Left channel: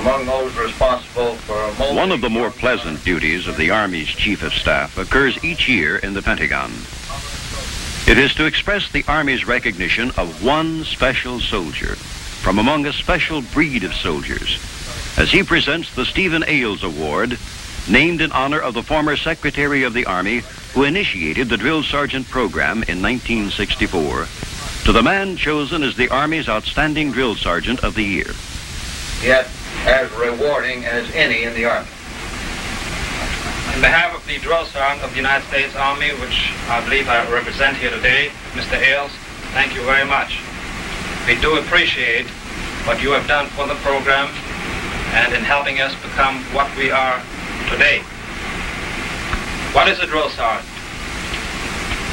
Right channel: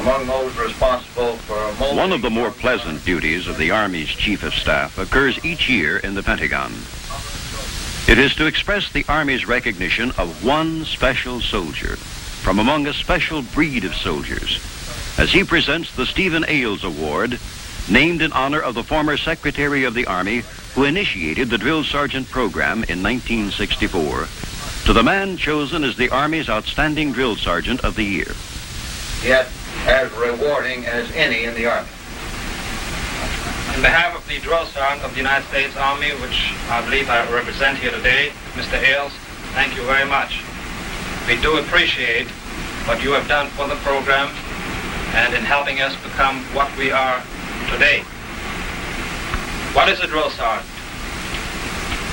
among those responsible for molding... One of the more pleasant duties of the Army's Chief of Staff occurs each year in the Pentagon. It is to express the Army's recognition of one special soldier from among a special breed of soldiers, as he presents the Stephen Ailes Award, named in honor of the former Secretary of the Army who initiated the Drill Sergeant program in 1964, to the man chosen as the Army's Outstanding Drill Sergeant of the Year. Yet as rewarding as any in the Army. On behalf of the Drill Sergeant of the United States Army, which I believe I represent here today, Mr. Ailes, thank you very much. We do appreciate what you have done for the program and in helping us become what we are today. What is a drill sergeant?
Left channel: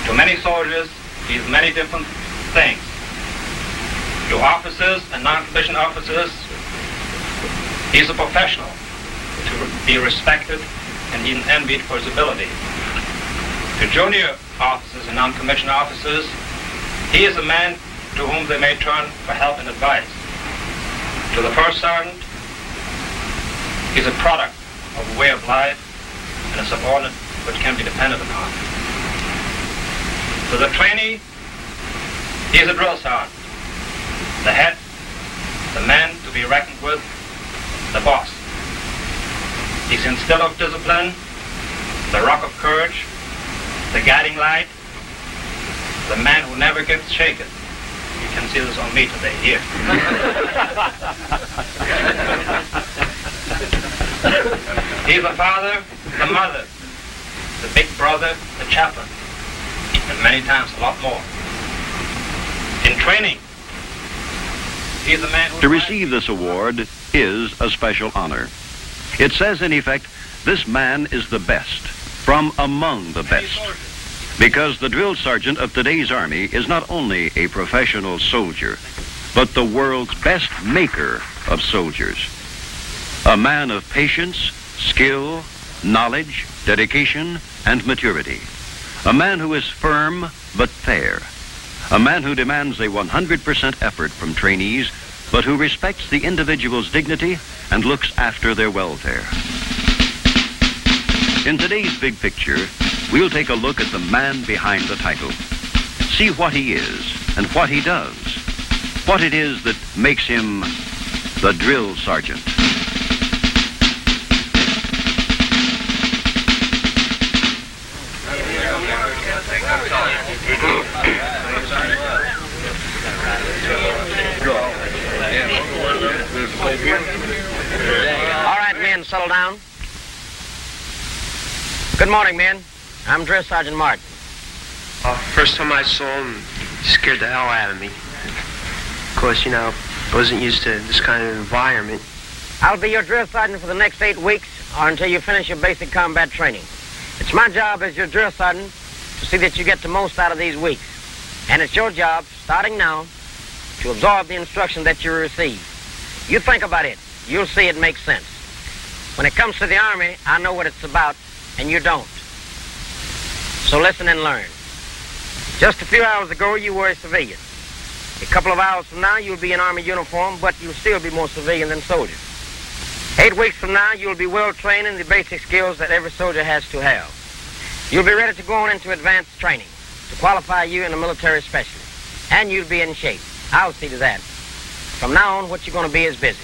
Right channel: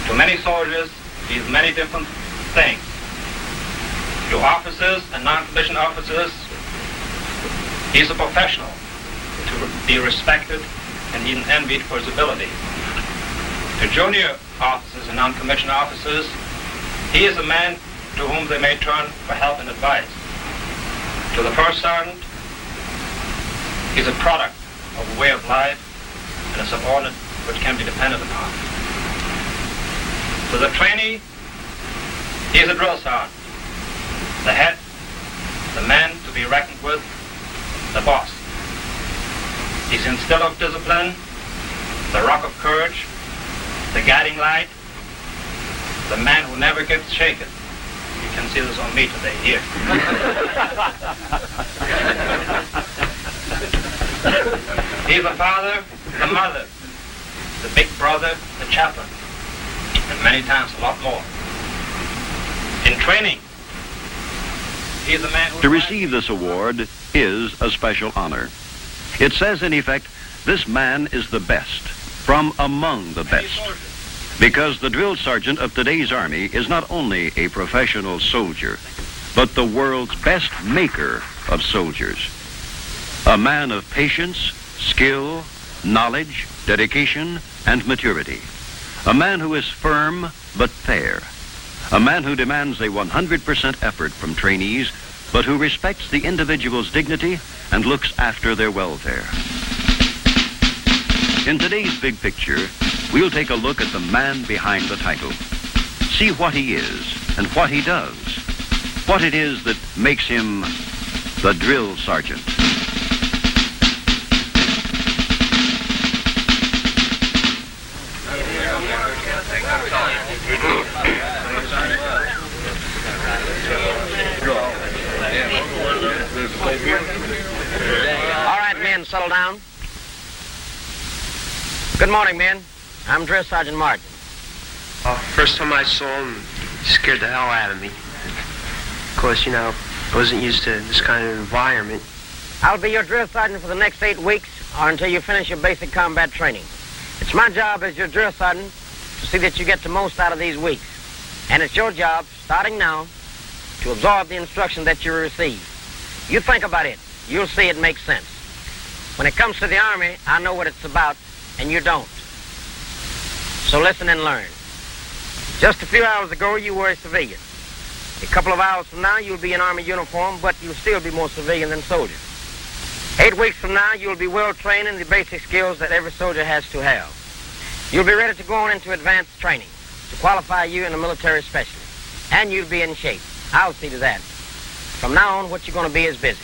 To many soldiers, means many different things. To officers and non-commissioned officers, he's a professional to be respected and even envied for his ability. To junior officers and non-commissioned officers, he is a man to whom they may turn for help and advice. To the first sergeant, he's a product of a way of life and a subordinate which can be depended upon. To the trainee, he's a drill sergeant, the head, the man to be reckoned with, the boss. He's instilled of discipline, the rock of courage, the guiding light, the man who never gets shaken. You can see this on me today, here. He's the father, the mother, the big brother, the chaplain, and many times a lot more. In training, he's the man who... To receive this award is a special honor. It says, in effect, this man is the best, from among the best. Because the drill sergeant of today's Army is not only a professional soldier, but the world's best maker of soldiers. A man of patience, skill, knowledge, dedication, and maturity. A man who is firm but fair. A man who demands a 100% effort from trainees, but who respects the individual's dignity and looks after their welfare. In today's big picture, we'll take a look at the man behind the title. See what he is and what he does. What it is that makes him the drill sergeant. All right, men, settle down. Good morning, men. I'm Drill Sergeant Martin. First time I saw him, he scared the hell out of me. Of course, you know, I wasn't used to this kind of environment. I'll be your drill sergeant for the next 8 weeks or until you finish your basic combat training. It's my job as your drill sergeant to see that you get the most out of these weeks. And it's your job, starting now, to absorb the instruction that you receive. You think about it. You'll see it makes sense. When it comes to the Army, I know what it's about, and you don't. So listen and learn. Just a few hours ago, you were a civilian. A couple of hours from now, you'll be in Army uniform, but you'll still be more civilian than soldier. 8 weeks from now, you'll be well trained in the basic skills that every soldier has to have. You'll be ready to go on into advanced training to qualify you in a military specialist. And you'll be in shape. I'll see to that. From now on, what you're going to be is busy.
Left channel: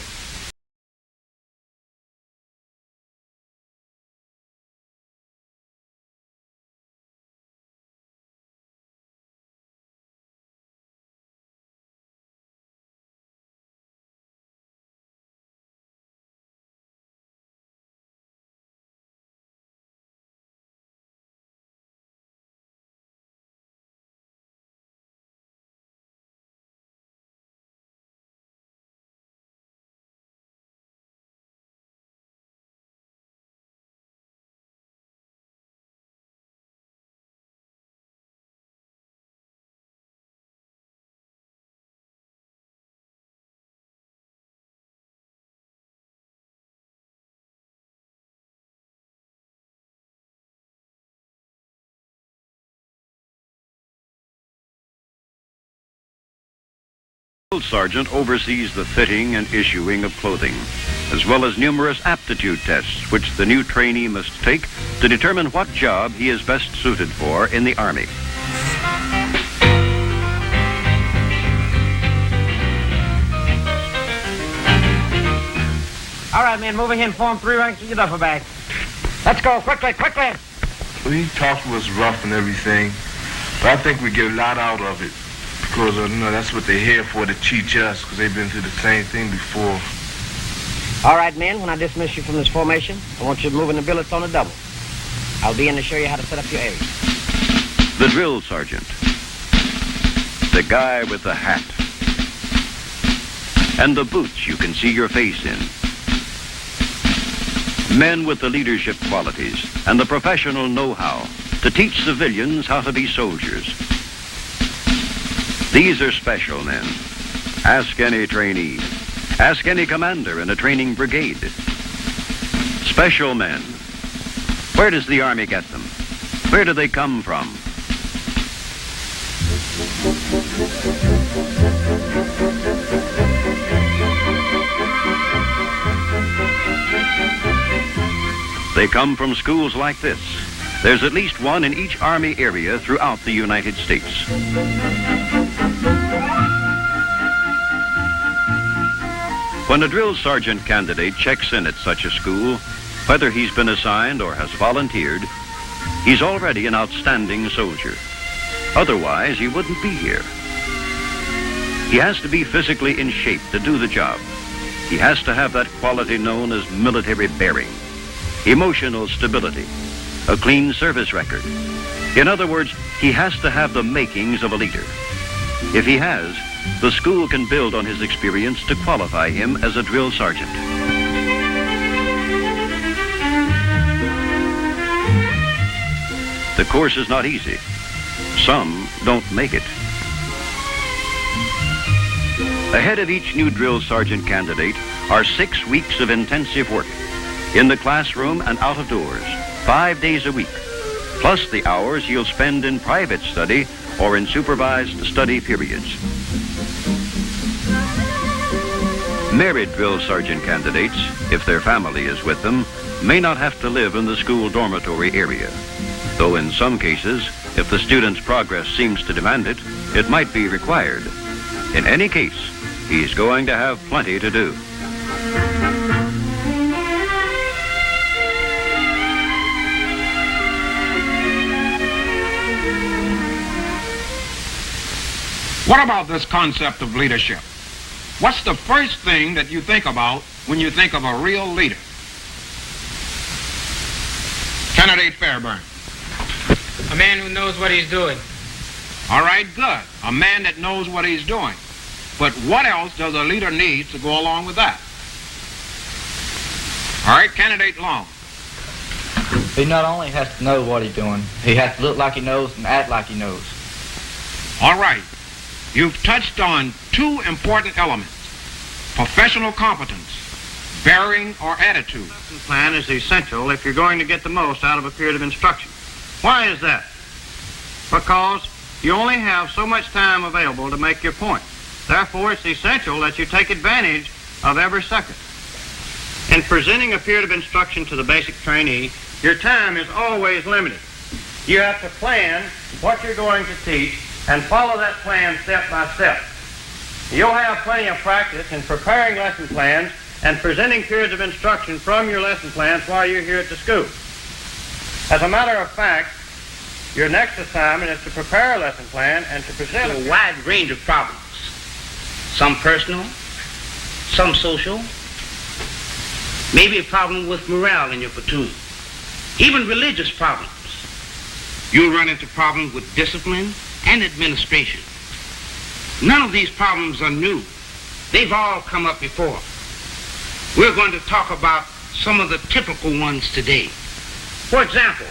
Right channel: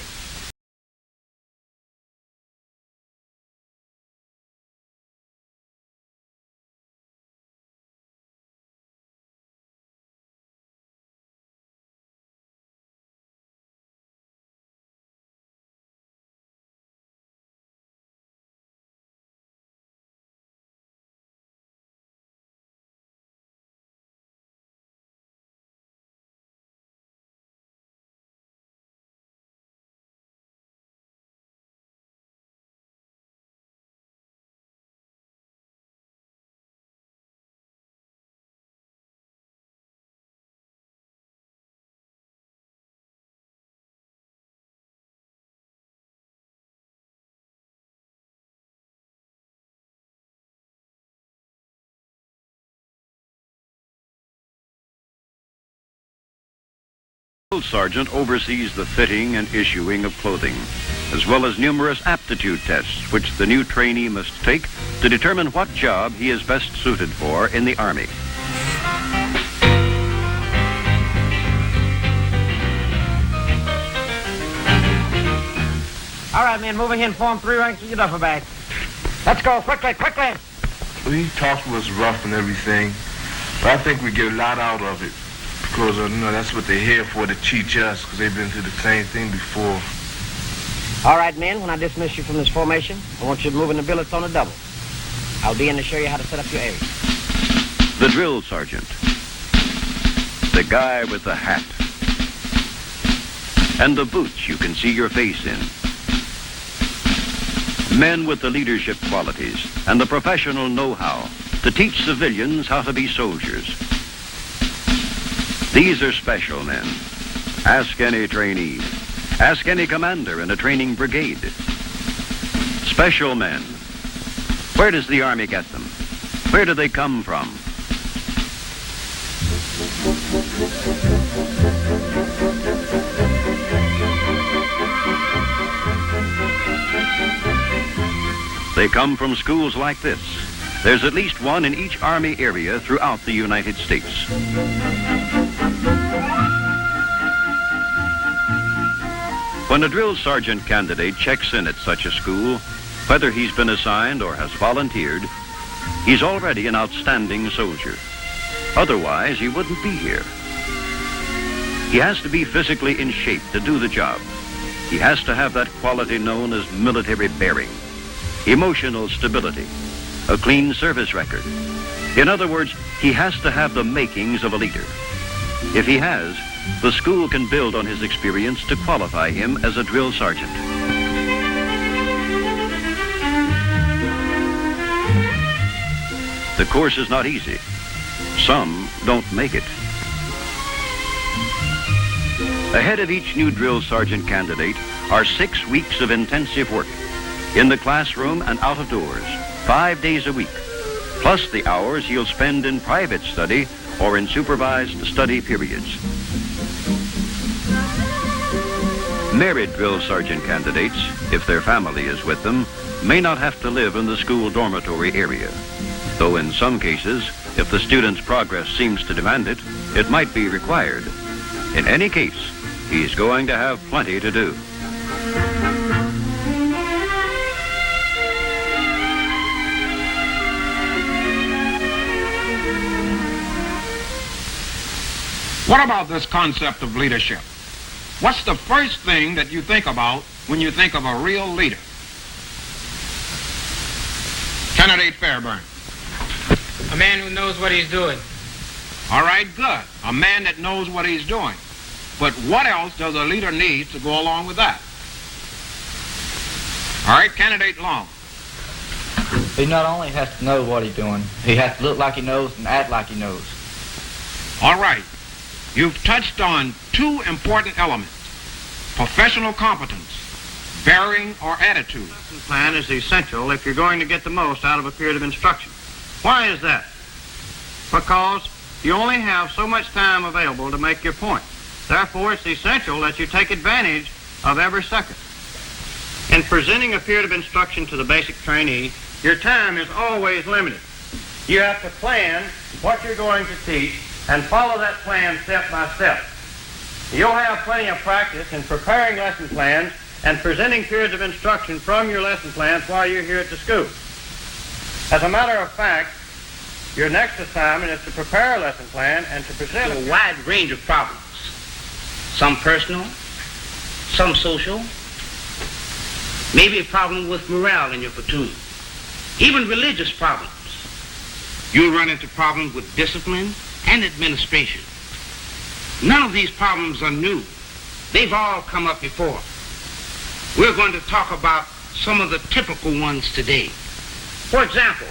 The drill sergeant oversees the fitting and issuing of clothing, as well as numerous aptitude tests, which the new trainee must take to determine what job he is best suited for in the Army. All right, men, moving in, form 3 ranks with your duffel bag. Let's go, quickly, quickly. He taught was rough and everything, but I think we get a lot out of it because, that's what they're here for, to teach us, because they've been through the same thing before. All right, men, when I dismiss you from this formation, I want you to move in the billets on a double. I'll be in to show you how to set up your A's. The drill sergeant, the guy with the hat, and the boots you can see your face in. Men with the leadership qualities and the professional know-how to teach civilians how to be soldiers. These are special men. Ask any trainee. Ask any commander in a training brigade. Special men. Where does the Army get them? Where do they come from? They come from schools like this. There's at least one in each Army area throughout the United States. When a drill sergeant candidate checks in at such a school, whether he's been assigned or has volunteered, he's already an outstanding soldier. Otherwise, he wouldn't be here. He has to be physically in shape to do the job. He has to have that quality known as military bearing, emotional stability, a clean service record. In other words, he has to have the makings of a leader. If he has, the school can build on his experience to qualify him as a drill sergeant. The course is not easy. Some don't make it. Ahead of each new drill sergeant candidate are 6 weeks of intensive work in the classroom and out of doors, 5 days a week, plus the hours you'll spend in private study or in supervised study periods. Married drill sergeant candidates, if their family is with them, may not have to live in the school dormitory area, though in some cases, if the student's progress seems to demand it, it might be required. In any case, he's going to have plenty to do. What about this concept of leadership? What's the first thing that you think about when you think of a real leader? Candidate Fairburn. A man who knows what he's doing. All right, good. A man that knows what he's doing. But what else does a leader need to go along with that? All right, Candidate Long. He not only has to know what he's doing, he has to look like he knows and act like he knows. All right. You've touched on 2 important elements: professional competence, bearing or attitude. The plan is essential if you're going to get the most out of a period of instruction. Why is that? Because you only have so much time available to make your point. Therefore, it's essential that you take advantage of every second. In presenting a period of instruction to the basic trainee, your time is always limited. You have to plan what you're going to teach and follow that plan step by step. You'll have plenty of practice in preparing lesson plans and presenting periods of instruction from your lesson plans while you're here at the school. As a matter of fact, your next assignment is to prepare a lesson plan and to present a wide range of problems. Some personal, some social, maybe a problem with morale in your platoon, even religious problems. You'll run into problems with discipline and administration. None of these problems are new. They've all come up before. We're going to talk about some of the typical ones today. For example,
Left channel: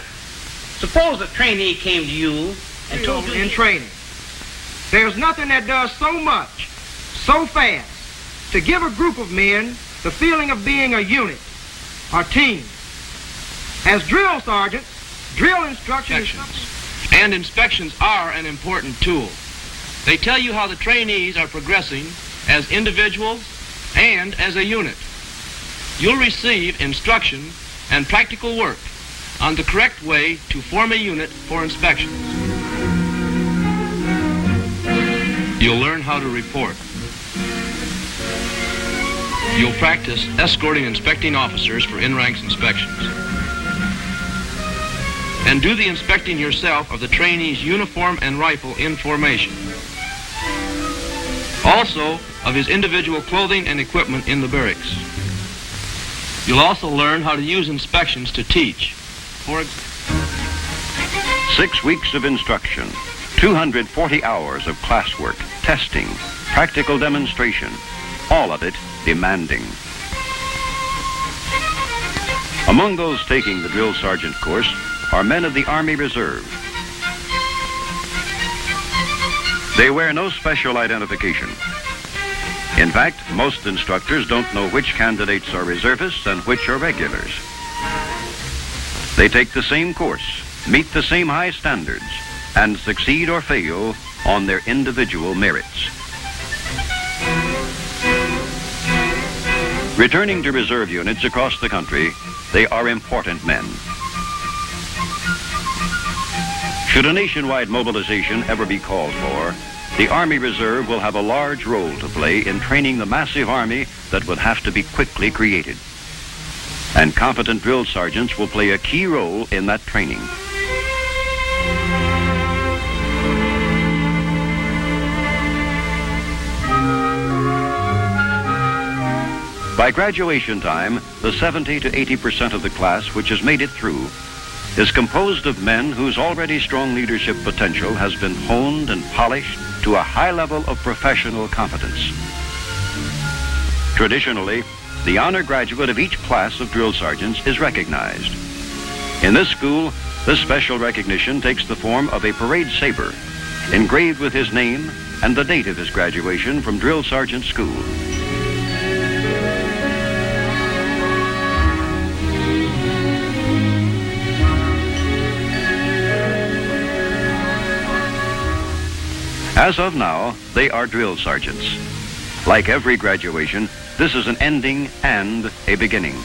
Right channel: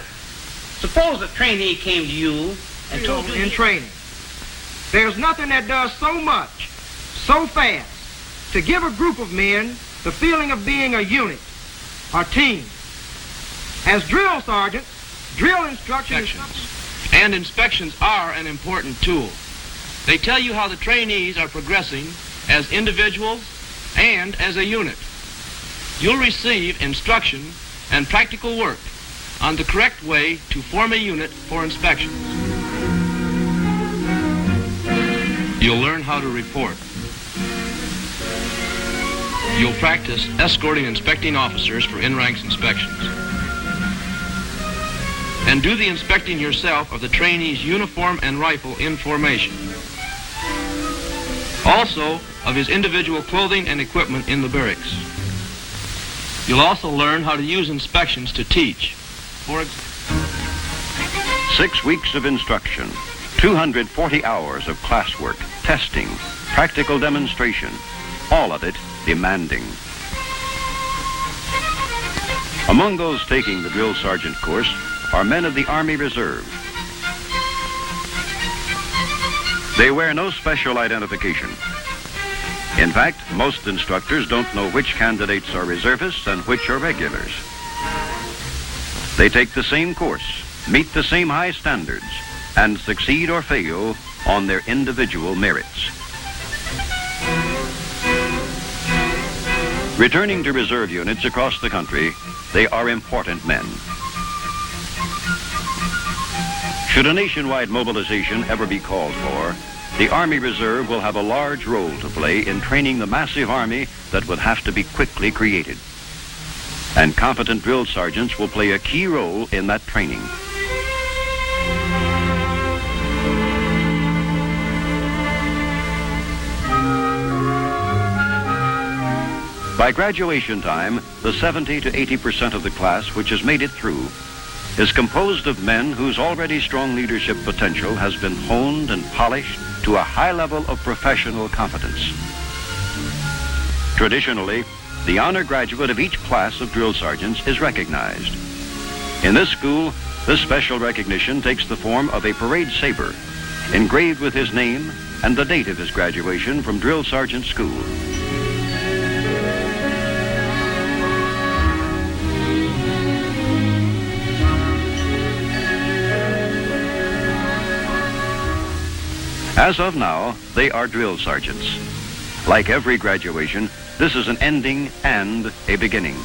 suppose a trainee came to you and told you in training, there's nothing that does so much, so fast, to give a group of men the feeling of being a unit or team. As drill sergeants, drill instructions and inspections are an important tool. They tell you how the trainees are progressing as individuals and as a unit. You'll receive instruction and practical work on the correct way to form a unit for inspection. You'll learn how to report. You'll practice escorting inspecting officers for in-ranks inspections. And do the inspecting yourself of the trainee's uniform and rifle in formation. Also of his individual clothing and equipment in the barracks. You'll also learn how to use inspections to teach. 6 weeks of instruction, 240 hours of classwork, testing, practical demonstration, all of it demanding. Among those taking the drill sergeant course are men of the Army Reserve. They wear no special identification. In fact, most instructors don't know which candidates are reservists and which are regulars. They take the same course, meet the same high standards, and succeed or fail on their individual merits. Returning to reserve units across the country, they are important men. Should a nationwide mobilization ever be called for, the Army Reserve will have a large role to play in training the massive army that would have to be quickly created. And competent drill sergeants will play a key role in that training. By graduation time, the 70 to 80% of the class which has made it through is composed of men whose already strong leadership potential has been honed and polished to a high level of professional competence. Traditionally, the honor graduate of each class of drill sergeants is recognized. In this school, this special recognition takes the form of a parade saber, engraved with his name and the date of his graduation from drill sergeant school. As of now, they are drill sergeants. Like every graduation, this is an ending and a beginning.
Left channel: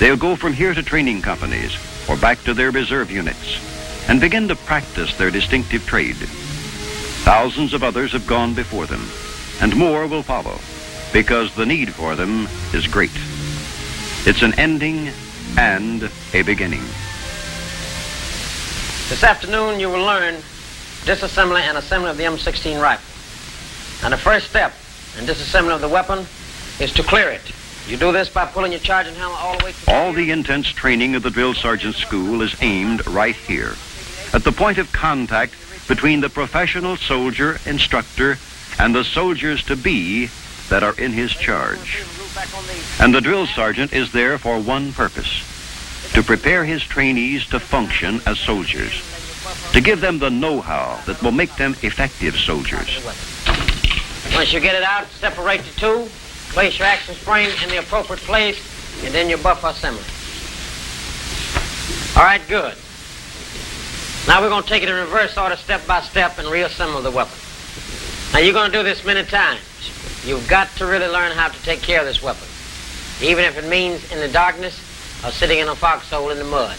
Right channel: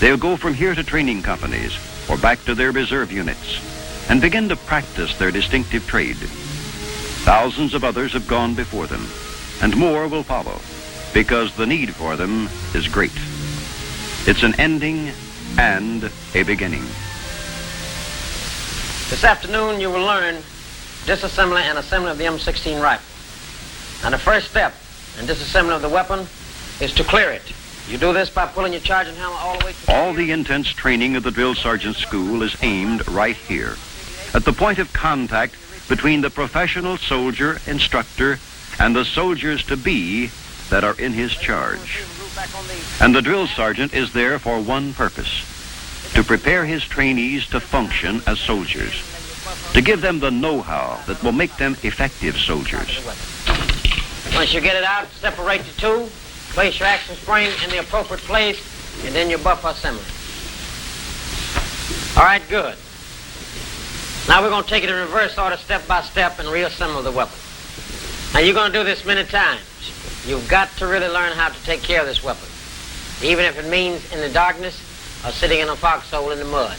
They'll go from here to training companies or back to their reserve units and begin to practice their distinctive trade. Thousands of others have gone before them, and more will follow because the need for them is great. It's an ending and a beginning. This afternoon you will learn disassembly and assembly of the M16 rifle. And the first step in disassembly of the weapon is to clear it. You do this by pulling your charging hammer all the way through. All the intense training of the drill sergeant school is aimed right here, at the point of contact between the professional soldier instructor and the soldiers-to-be that are in his charge. And the drill sergeant is there for one purpose: to prepare his trainees to function as soldiers, to give them the know-how that will make them effective soldiers. Once you get it out, separate the two, place your action spring in the appropriate place, and then your buffer assembly. All right, good. Now we're going to take it in reverse order, step by step, and reassemble the weapon. Now you're going to do this many times. You've got to really learn how to take care of this weapon, even if it means in the darkness or sitting in a foxhole in the mud.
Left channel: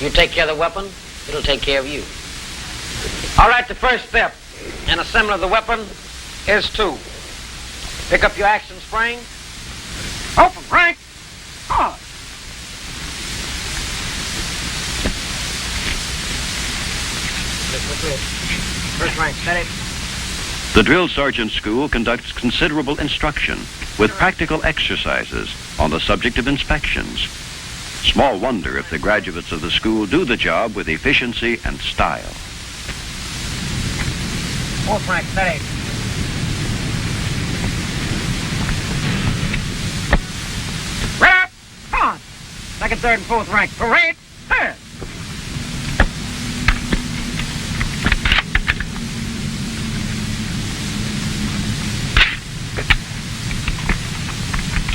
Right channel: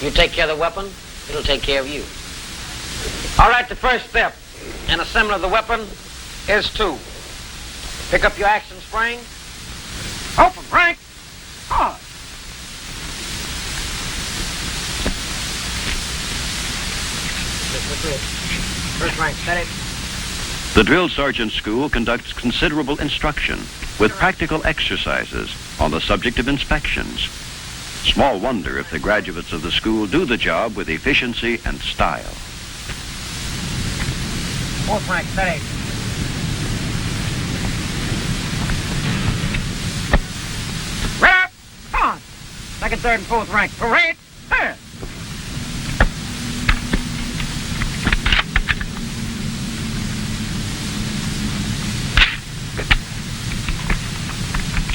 You take care of the weapon, it'll take care of you. All right, the first step in assembly of the weapon is to pick up your action spring. Open, Frank. Oh. First rank, steady. The drill sergeant school conducts considerable instruction with practical exercises on the subject of inspections. Small wonder if the graduates of the school do the job with efficiency and style. Fourth rank, steady. Rap! Come on! Second, third, and fourth rank. Parade! Here!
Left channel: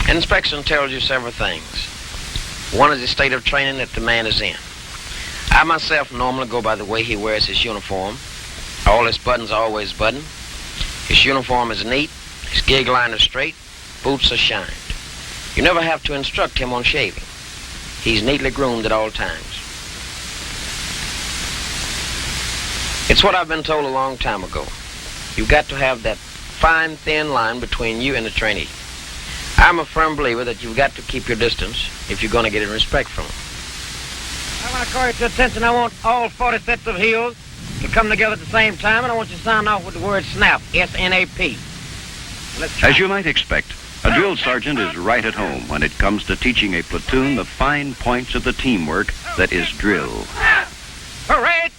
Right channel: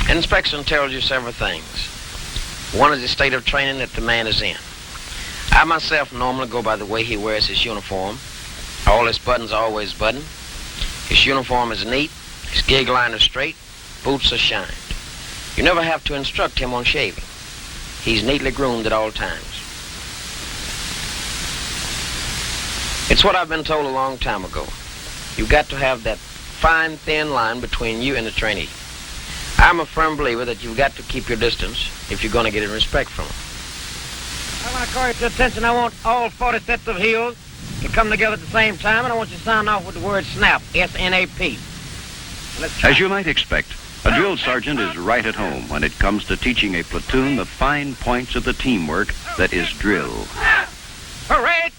Inspection tells you several things. One is the state of training that the man is in. I myself normally go by the way he wears his uniform. All his buttons are always buttoned. His uniform is neat. His gig line is straight. Boots are shined. You never have to instruct him on shaving. He's neatly groomed at all times. It's what I've been told a long time ago. You've got to have that fine, thin line between you and the trainee. I'm a firm believer that you've got to keep your distance if you're going to get any respect from him. I want to call your attention. I want all 40 sets of heels to come together at the same time, and I want you to sign off with the word SNAP, S-N-A-P. As you might expect, a drill sergeant is right at home when it comes to teaching a platoon the fine points of the teamwork that is drill. All right.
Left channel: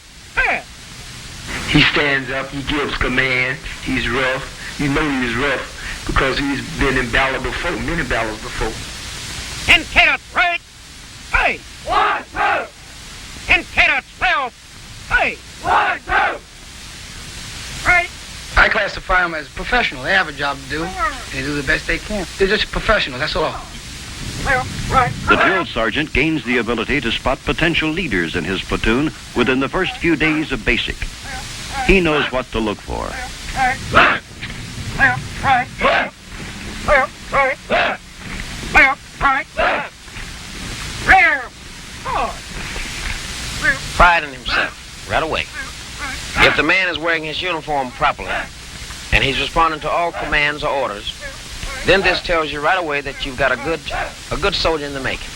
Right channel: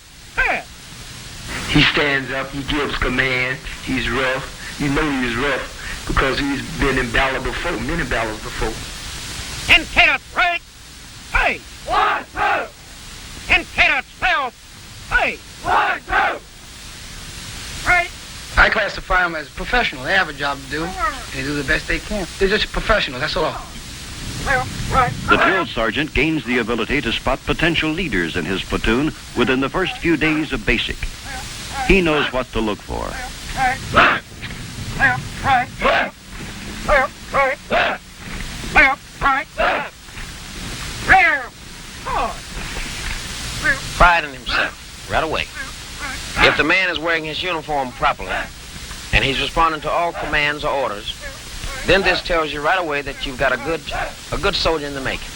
He stands up, he gives commands, he's rough. You know he's rough because he's been in battle before, many battles before. Intent, right? Hey! 1, 2! Intent, 12! Hey! 1, 2! Right? I classify them as professional. They have a job to do. They do the best they can. They're just professional, that's all. The drill sergeant gains the ability to spot potential leaders in his platoon within the first few days of basic. He knows what to look for. Pride in himself, right away. If the man is wearing his uniform properly, and he's responding to all commands or orders, then this tells you right away that you've got a good soldier in the making.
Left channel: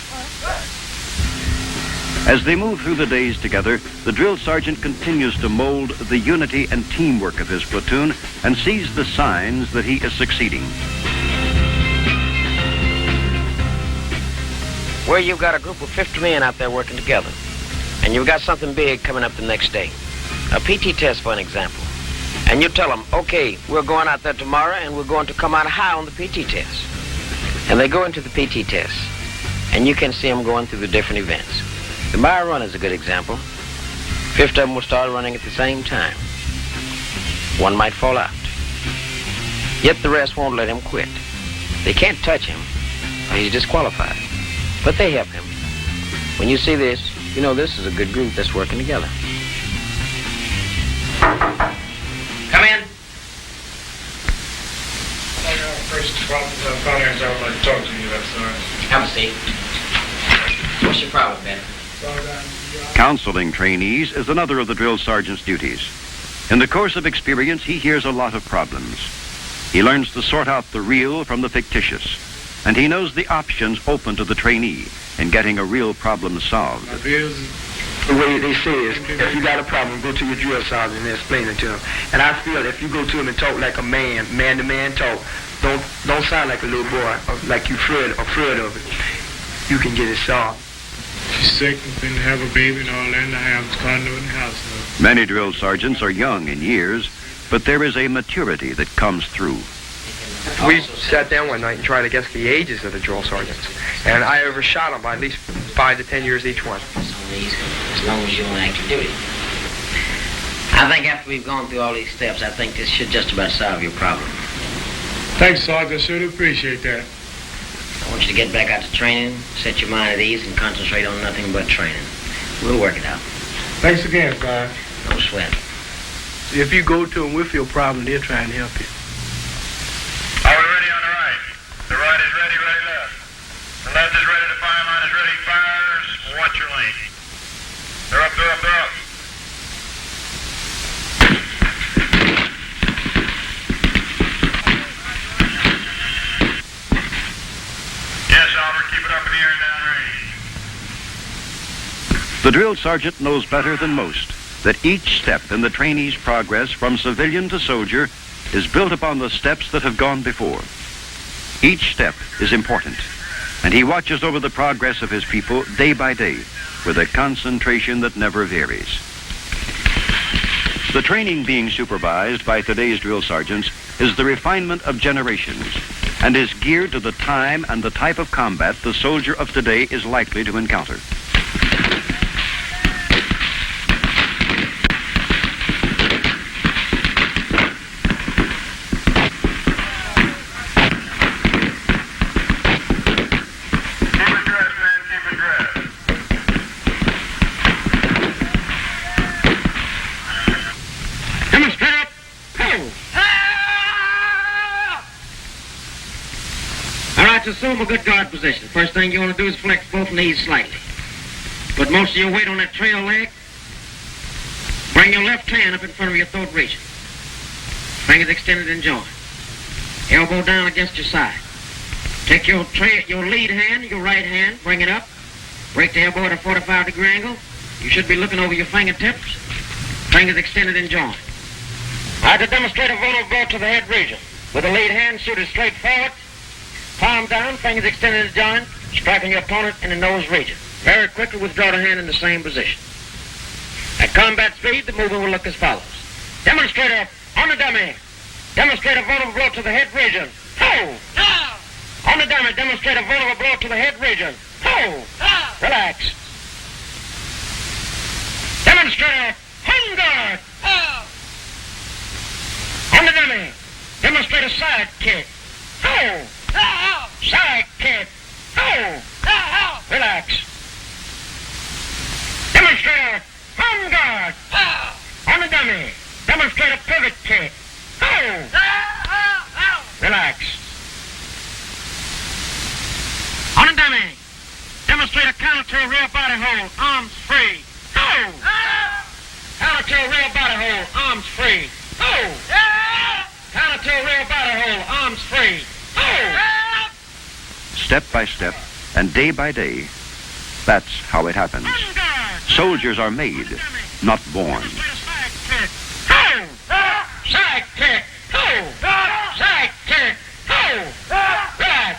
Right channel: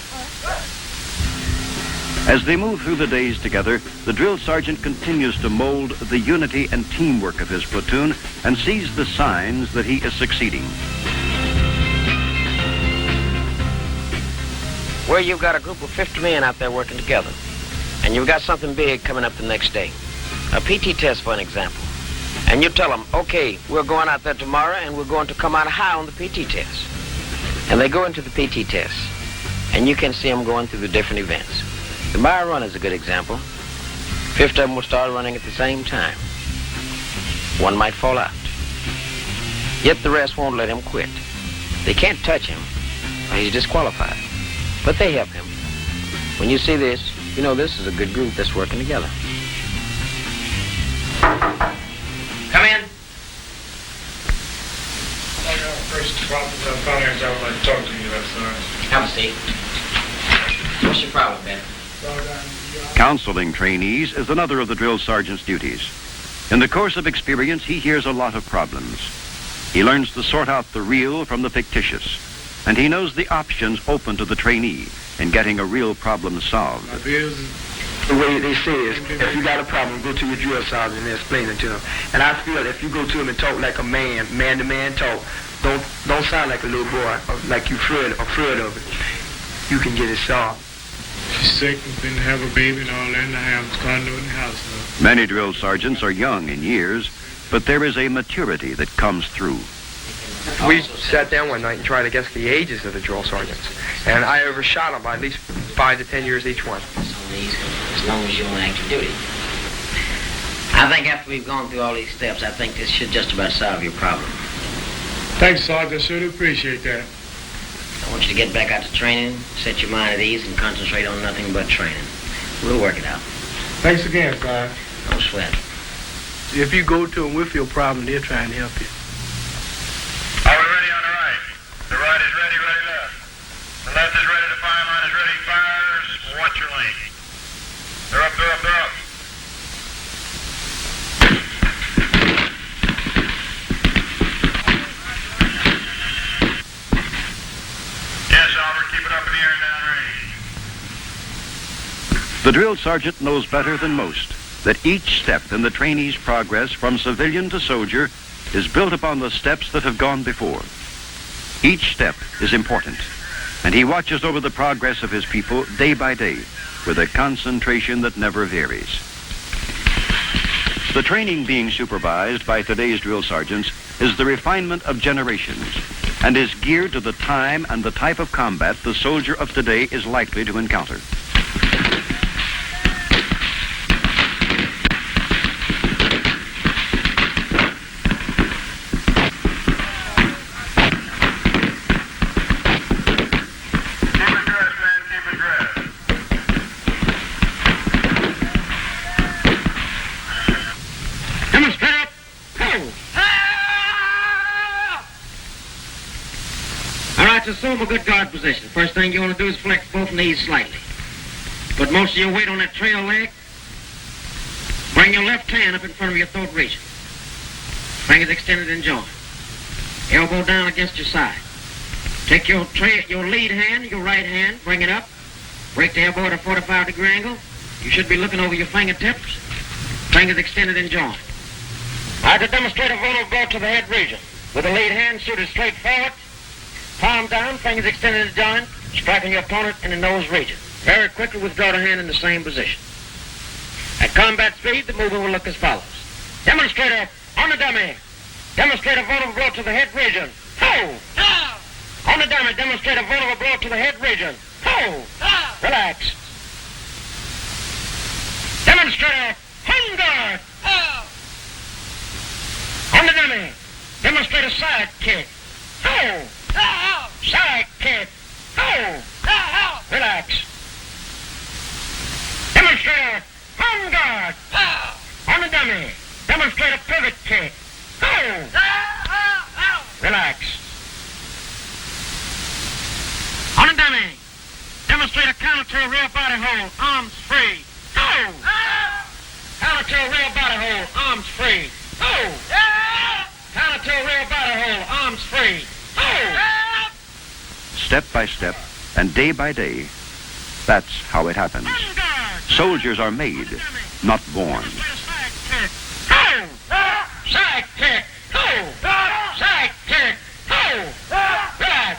As they move through the days together, the drill sergeant continues to mold the unity and teamwork of his platoon and sees the signs that he is succeeding. Where you've got a group of 50 men out there working together, and you've got something big coming up the next day. A PT test, for an example. And you tell them, okay, we're going out there tomorrow and we're going to come out high on the PT test. And they go into the PT test, and you can see them going through the different events. The mile run is a good example. 50 of them will start running at the same time. One might fall out. Yet the rest won't let him quit. They can't touch him, or he's disqualified. But they help him. When you see this, you know this is a good group that's working together. Come in. First, finance I'd like to talk to you. Have a seat. What's your problem, Ben? Counseling trainees is another of the drill sergeant's duties. In the course of experience, he hears a lot of problems. He learns to sort out the real from the fictitious, and he knows the options open to the trainee in getting a real problem solved. The way they say is, if you got a problem, go to your drill sergeant and explain it to him. And I feel if you go to him and talk like a man-to-man talk, don't sound like a little boy, or like you're afraid of it. You can get it solved. She's sick and been to have a baby and all that in the house, condo in the house. Many drill sergeants are young in years, but there is a maturity that comes through. We sat down one night and tried to guess the ages of the drill sergeants, and I overshot them by at least 5 to 10 years each one. As long as you're on active duty. I think after we've gone through all these steps, I think this should just about solve your problem. Thanks, Sarge. I sure do appreciate that. I want you to get back out to training, set your mind at ease, and concentrate on nothing but training. We'll work it out. Thanks again, Sarge. No sweat. If you go to them with your problem, they'll try and help you. All ready on the right. The right is ready, ready left. The left is ready to fire, right is ready, fires. Watch your lane. They're up, they're up, they're up. Yes, Albert, keep it up in the air and down range. The drill sergeant knows better than most that each step in the trainee's progress from civilian to soldier is built upon the steps that have gone before. Each step is important, and he watches over the progress of his people day by day with a concentration that never varies. The training being supervised by today's drill sergeants is the refinement of generations and is geared to the time and the type of combat the soldier of today is likely to encounter. Now, to assume a good guard position, first thing you want to do is flex both knees slightly. Put most of your weight on that trail leg. Bring your left hand up in front of your throat region. Fingers extended and joined. Elbow down against your side. Take your lead hand, your right hand, bring it up. Break the elbow at a 45-degree angle. You should be looking over your fingertips. Fingers extended and joined. Now to demonstrate a vulnerable blow to the head region. With the lead hand shooted straight forward, palm down, fingers extended and joined, striking your opponent in the nose region. Very quickly withdraw the hand in the same position. At combat speed, the movement will look as follows. Demonstrator on the dummy. Demonstrate a vulnerable blow to the head region. Hold. On the dummy, demonstrate a vulnerable blow to the head region. Hold. Relax. Demonstrator on guard. On the dummy, demonstrate a side kick. Hold. Side kick. Hold. Relax. Demonstrator on guard. On the dummy, demonstrate a pivot kick. Hold. Relax. On the dummy, demonstrate a counter to a rear body hold. Arms free. Hold. Counter to a rear body hold. Arms free. Hold. Counter to a rear body hold. Arms free. Hold. Step by step and day by day, that's how it happens. Soldiers are made, not born. Hold. Side kick. Hold. Side kick. Hold. Relax.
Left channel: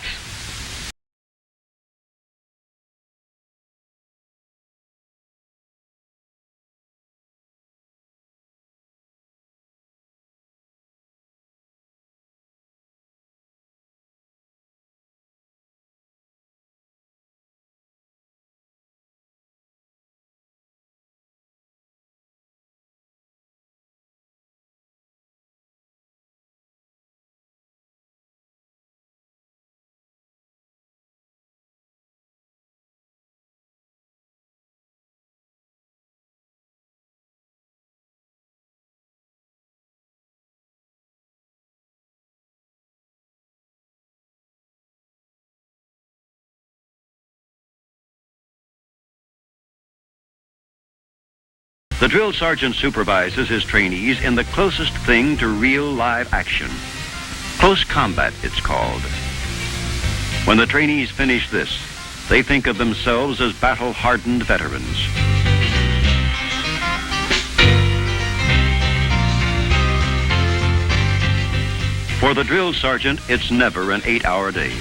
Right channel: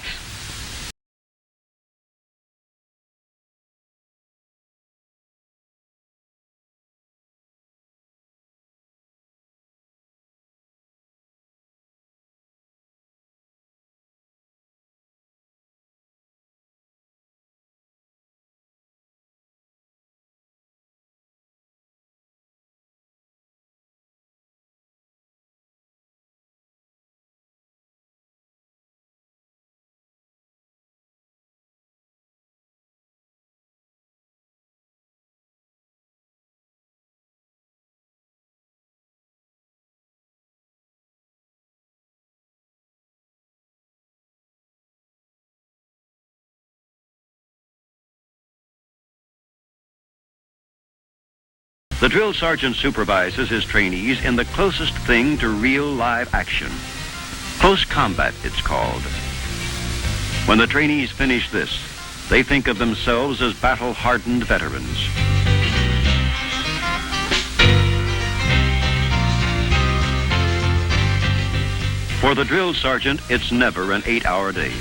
The drill sergeant supervises his trainees in the closest thing to real live action. Close combat, it's called. When the trainees finish this, they think of themselves as battle-hardened veterans. For the drill sergeant, it's never an 8-hour day.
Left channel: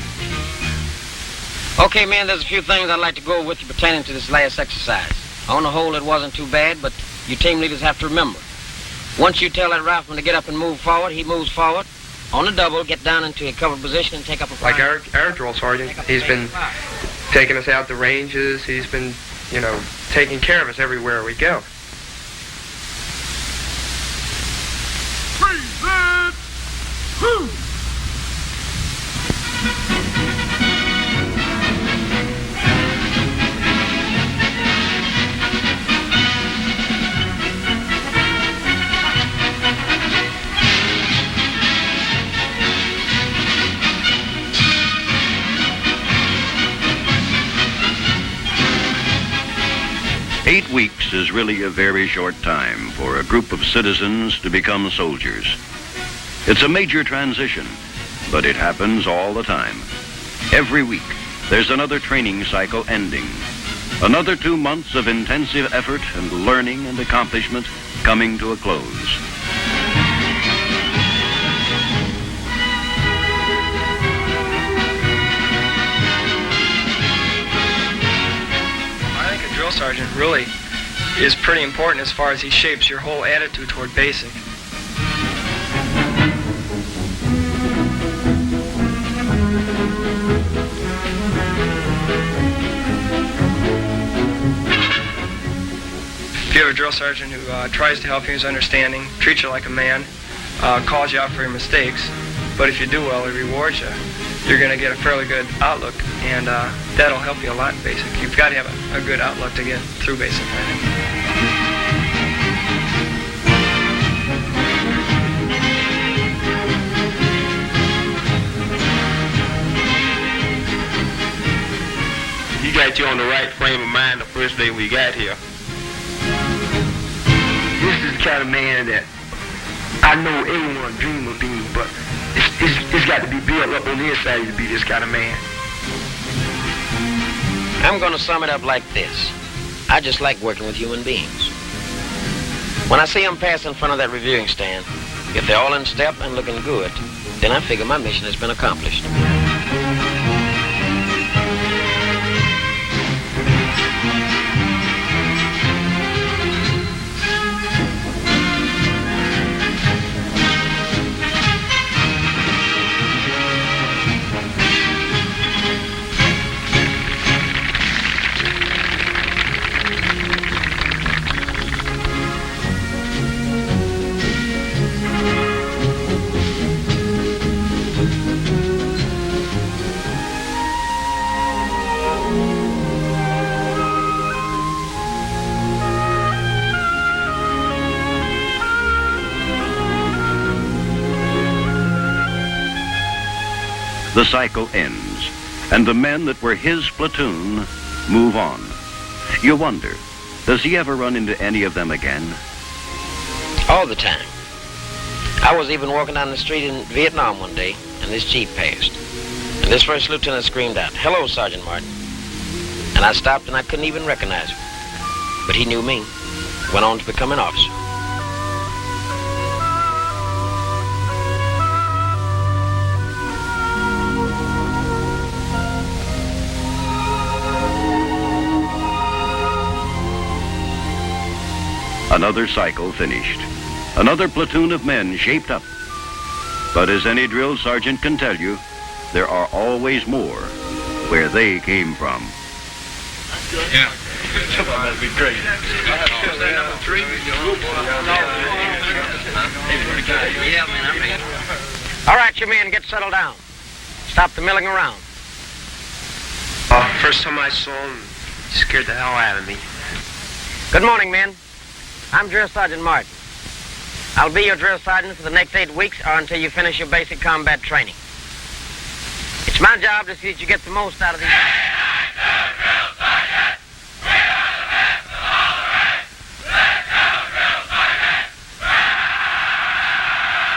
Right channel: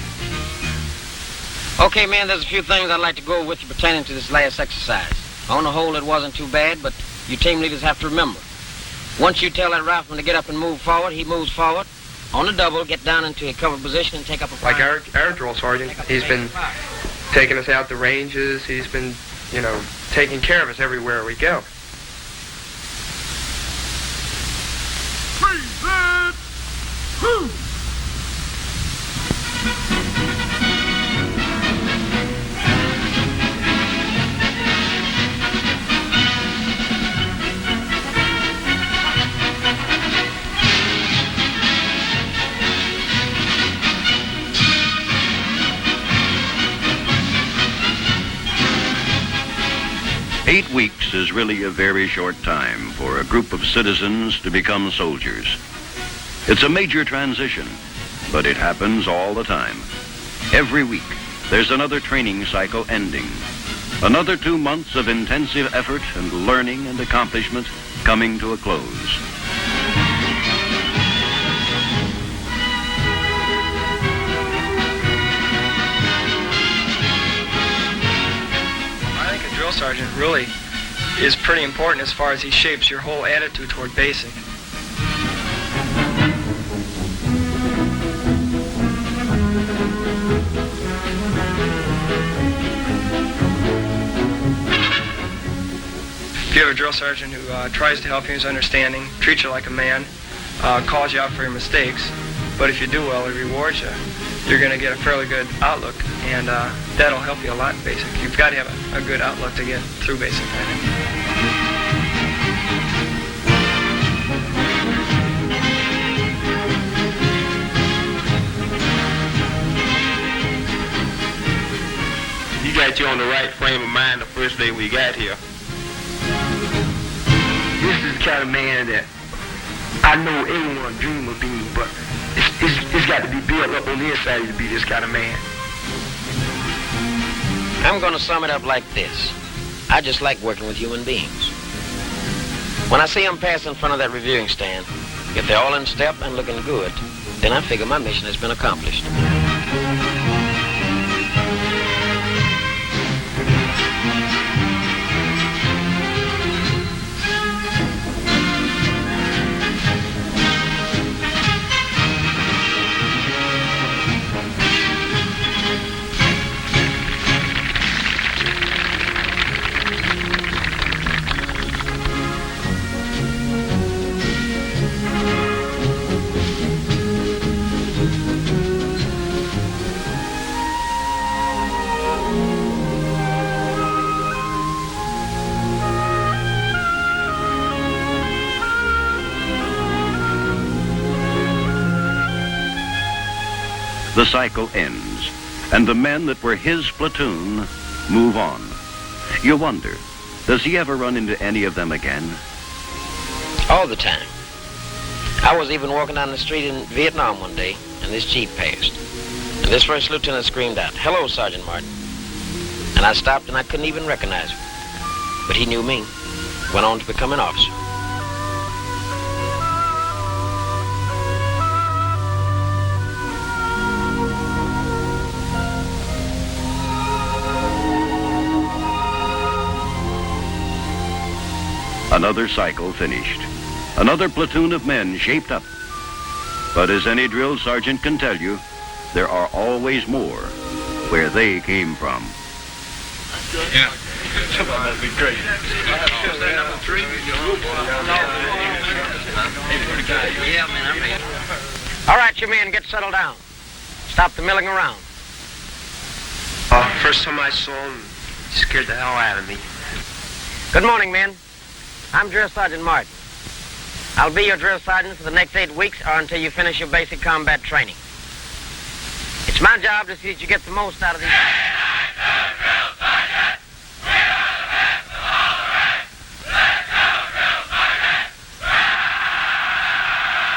Okay, men, there's a few things I'd like to go over with you pertaining to this last exercise. On the whole, it wasn't too bad, but you team leaders have to remember. Once you tell that rifleman to get up and move forward, he moves forward. On the double, get down into a covered position and take up a fire. Like our drill sergeant, he's been taking us out the ranges. He's been, taking care of us everywhere we go. Weeks is really a very short time for a group of citizens to become soldiers. It's a major transition, but it happens all the time. Every week, there's another training cycle ending. Another 2 months of intensive effort and learning and accomplishment coming to a close. I think a drill sergeant really is pretty important as far as he shapes your whole attitude toward basic. If you have a drill sergeant who tries to help you in his understanding, treats you like a man, calls you out for your mistakes, but if you do well, he rewards you, you're going to get a fairly good outlook, and that'll help you a lot in basic. You've got to have a good outlook to get through basic. set you on the right frame of mind the first day we got here. This is the kind of man that I know everyone dream of being, but it's got to be built up on the inside to be this kind of man. I'm going to sum it up like this. I just like working with human beings. When I see them pass in front of that reviewing stand, if they're all in step and looking good, then I figure my mission has been accomplished. The cycle ends, and the men that were his platoon move on. You wonder, does he ever run into any of them again? All the time. I was even walking down the street in Vietnam one day, and this Jeep passed. And this first lieutenant screamed out, "Hello, Sergeant Martin." And I stopped and I couldn't even recognize him. But he knew me, went on to become an officer. Another cycle finished. Another platoon of men shaped up. But as any drill sergeant can tell you, there are always more where they came from. Yeah. That'd be great. All right, you men, get settled down. Stop the milling around. First time I saw him, he scared the hell out of me. Good morning, men. I'm Drill Sergeant Martin. I'll be your drill sergeant for the next 8 weeks or until you finish your basic combat training. It's my job to see that you get the most out of these.